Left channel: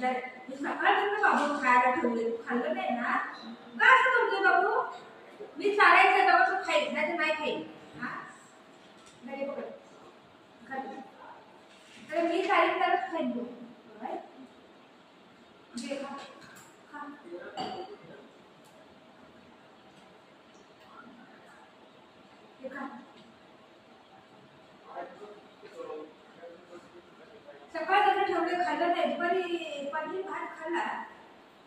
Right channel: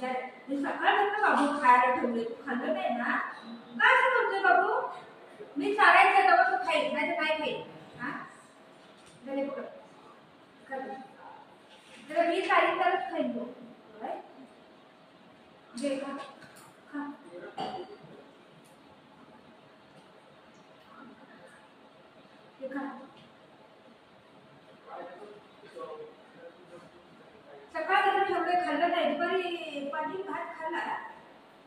हुशार. मी सकाळपासून बाबू खायला ठेवले, तू खाल्लं नाही ना? का असं करतोय बाबू? मी चारायचं तेव्हा तू खाईल, नाही तर नाही खाईल. हा घरी पकड खाली. तर मी चारीन तरच खाईन तू. घे खा खा. हे खा. सकाळ जर ठेवले खाल्लं नाही, दुपारी पाणी भात खाल्ला,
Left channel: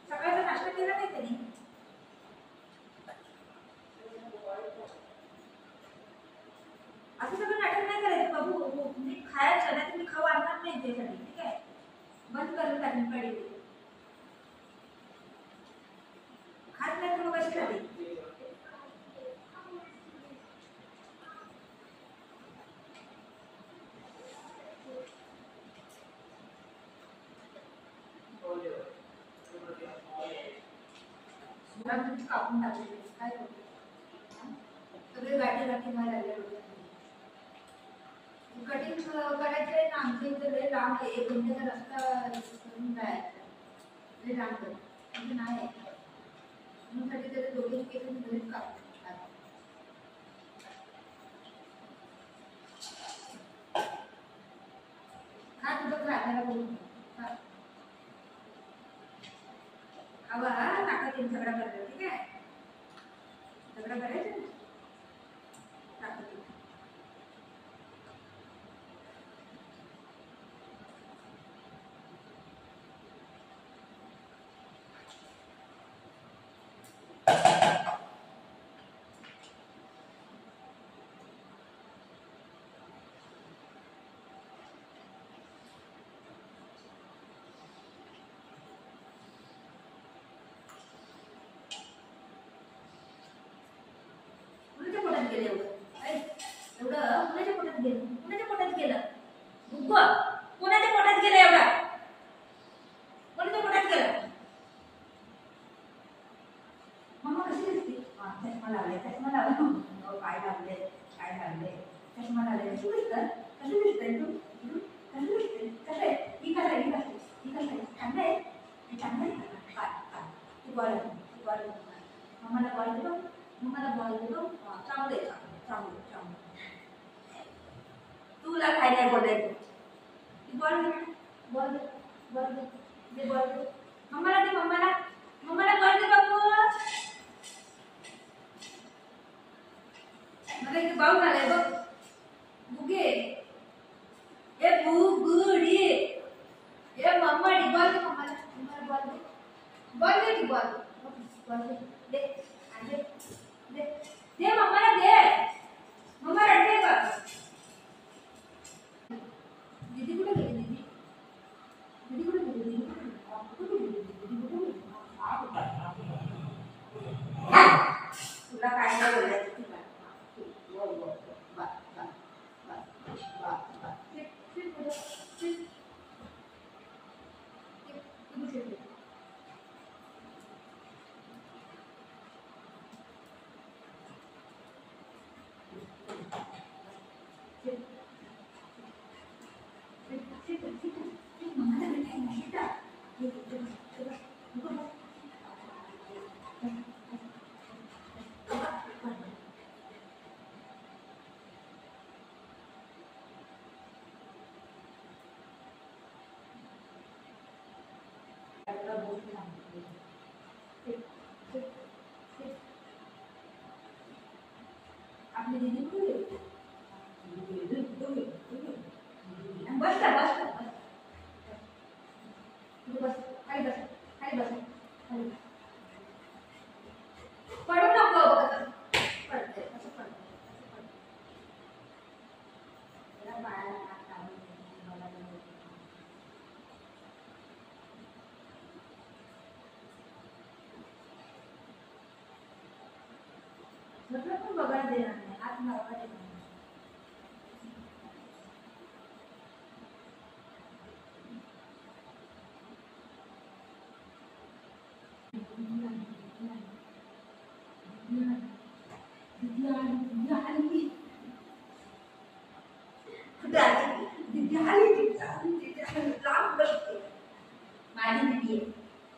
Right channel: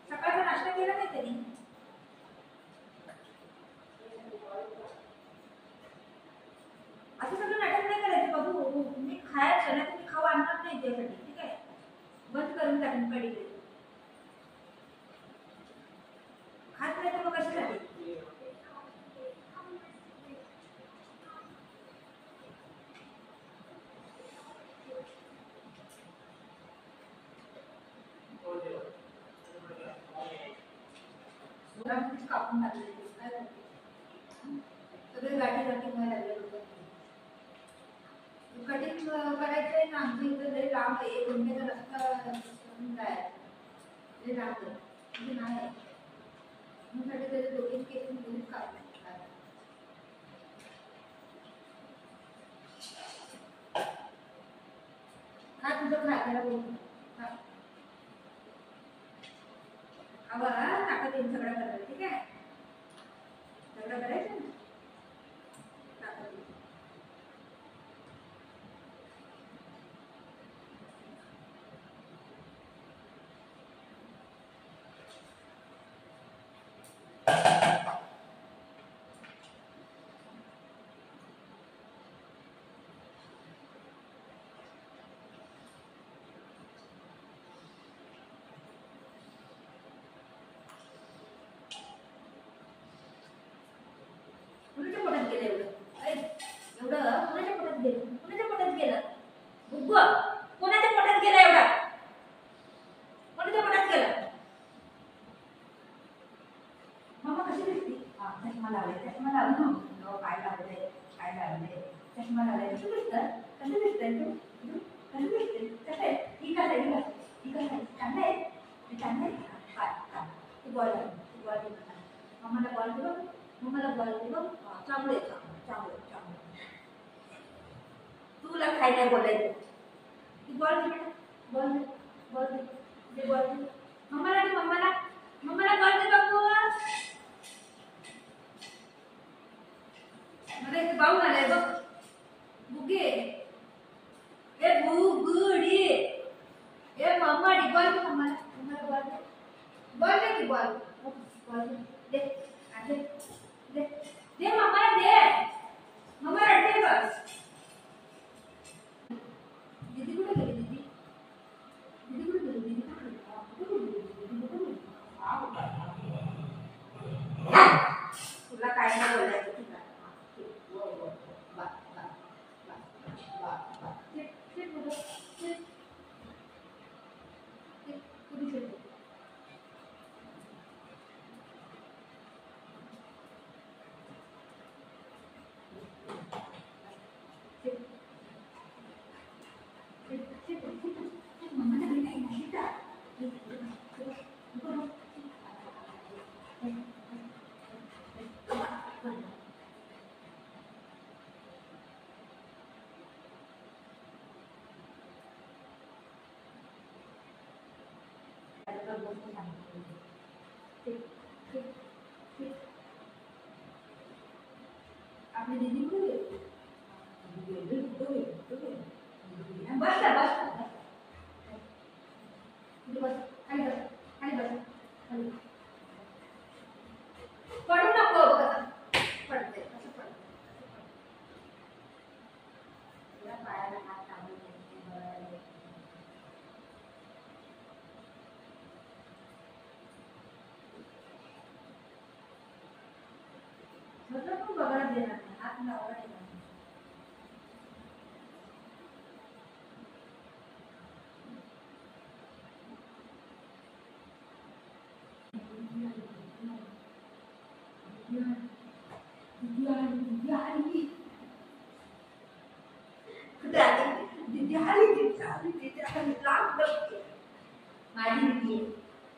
सकाळचा नाश्ता केला नाही त्यांनी. असं सगळं नाटक नाही करायचं बाबू. तुम्ही खायचं नाही, तुम्ही खाऊ आणणार नाही त्यासाठी. ठीक आहे, बंद करून टाकून पडले. खात नाही तर मग कशासाठी? कापून टाकले काय करते? सगळे गाठी गाठी व्हायला लागले डोक्यात. कटिंग करायचंय ना आमच्या इथं लय लांब आहे, 1 घंट्याचा रस्ता करून जायचं. लय लांब आहे म्हणजे नाही, म्हणून साठी त्याचे दोघे केस घरीच कापले. हा तुझं खायला बोलून हवा ताकद येऊन झगडा करतात. ठीक आहे, झगडा करायचा ना, ताकद येईल. कुणाच्या पोटात गेलं एवढं? एवढं कुणाच्या पोटात गेलं? कुणाच्या पोटात गेलं? बुग्गो कोणाच्या पोटात गेलं एवढं? कोणाच्या पोटात गेलं? मम्मा कशी दिसते? चष्मा लावलाय, चष्मा लावला. हो काय लावले, काय लावले, चष्मा लावलाय. कशी दिसतं? कशी दिसतंय तू? कशी दिसते? कसं आहे? ही कसं आहे? ही कसं आहे? ही कसं आहे? छान आहे? ही छान आहे? काय काय ती बॉल ती बॉल मम्माला बॉल दे बघ, मम्माला बॉल दे बघ. चांगलं आहे, चांगलं चांगलं. तुला काय नाही बोलायचं. ती बॉल दे, बॉल दे, बॉल दे, दे बॉल दे. मम्माला दे, मम्माला मम्माला बॉल दे बाबू. मला इथे बाऊल आलाय बघ. बुगे ए बुगुडी ए मम्माडी बॉल दे मम्माला. मम्माला बॉल दे, बॉल दे की बॉल बॉल दे दे दे दे दे मम्माला दे. मम्मा रडते बघ. दीदी कुठे गेली? दीदी दीदी कुठे गेली? दीदी कुठे गेली? दीदी कुठे गेली? तुला काय नाही बोलायचं. ठीक आहे, वो वो बा बा बा बा बा ते ते बोल ते तुम्ही खेळते. आपली दीदी कुठे गेली? बस बस बस खाली बस, खाली बस, खाली पडू नको. पडते असं पडते, असं पडते. त्याला पायाला हात लावून बघायला म्हटलं पण बघायला देणार नाही, हात लावायला देणार नाही. माझी दीदी आहे,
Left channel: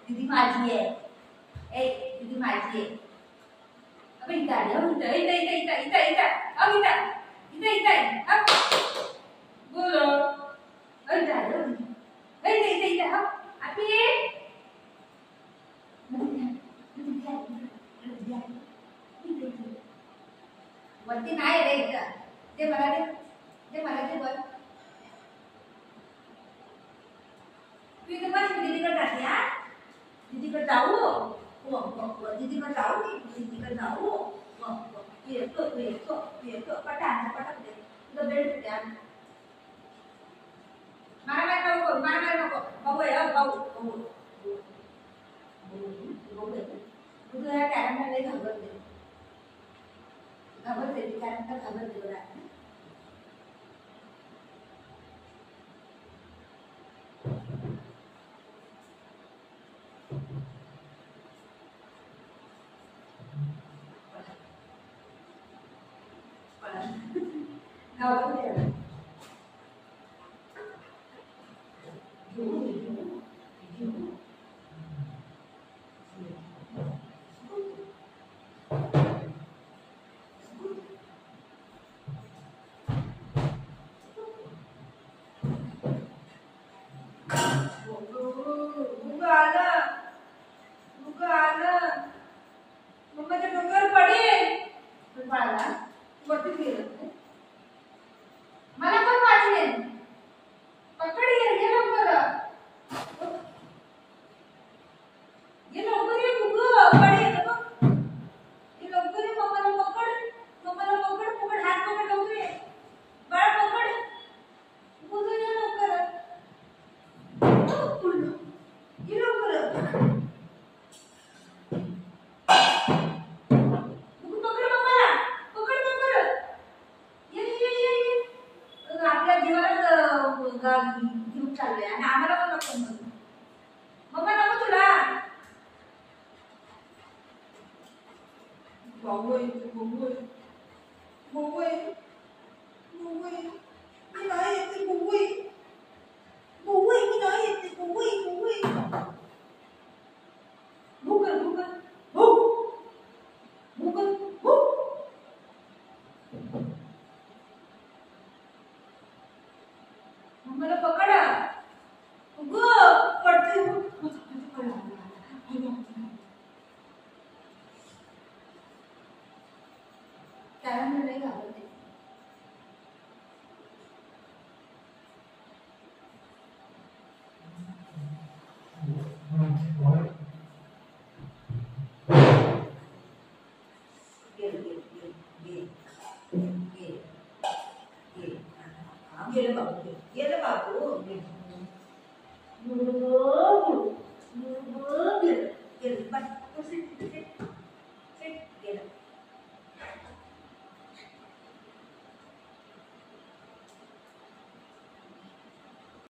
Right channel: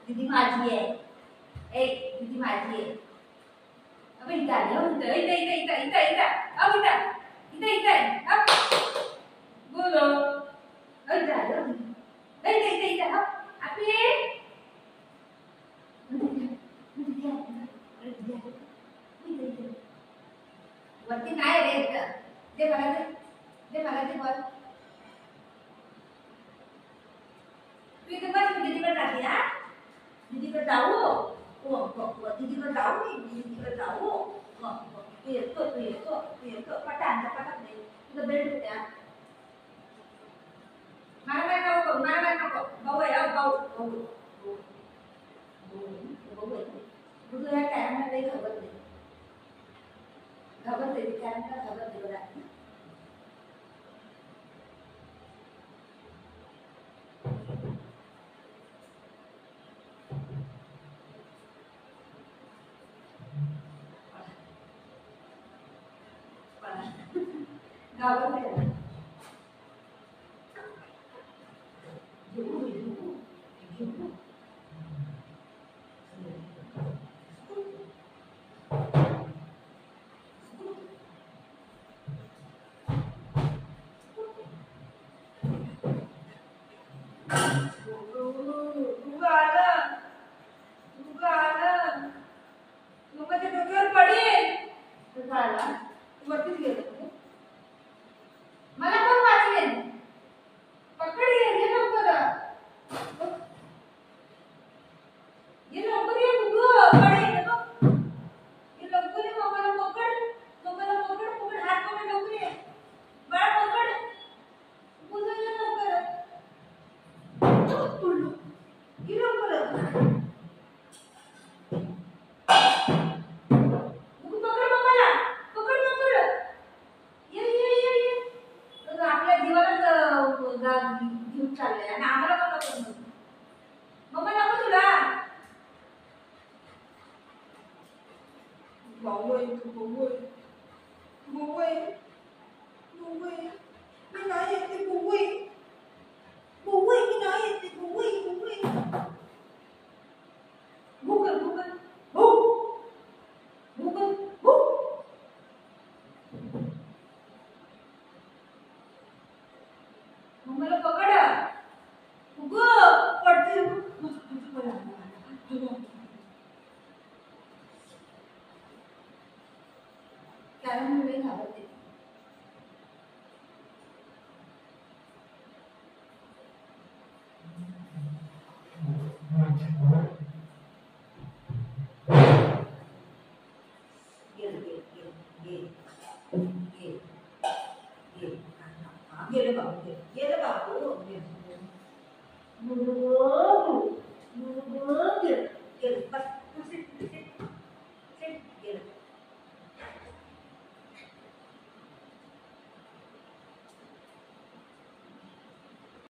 दीदी माझी आहे, ए दीदी माझी आहे. अब इथं आलं, इथं इथं इथं इथं इथं इथं अब इथं इथं इथं अब बोलो इथं आलं, इथं इथं इथं अब आपी वरती नाही रे इथं. ते मला ते बॉल तू इथे बस. मी दीदीकडे जाते. हा दीदीकडे जाऊ. दीदीकडे जाऊ. मी दीदीकडे जाऊ. तू येतो पटाक दे. तुझं बेल्ट कुठे? मला काय नको भाऊ आहे. भाऊ आहे. तुझं कॅरमला लई घाबरते ती कॅरमला घाबरते बघा. घाबरते मम्माच्या डोक्यावर पडेल. बाळाला वरतीच गेलं. मला कोण वाचवेल? पकड ये लवकर. ये लवकर ये गुगू पडेल. ये लवकर ये. मम्माला पकड हात पकड लवकर ये. बाळ पकड. गुगू ये लवकर. ये लवकर. घेऊन चाललंय आणि आम्हाला पण नको. मम्मा नको तुला. भाऊ आहे मी नाही येते. मी नाही येते. मला पकड. पडते. कारण मी नाही घाबरते.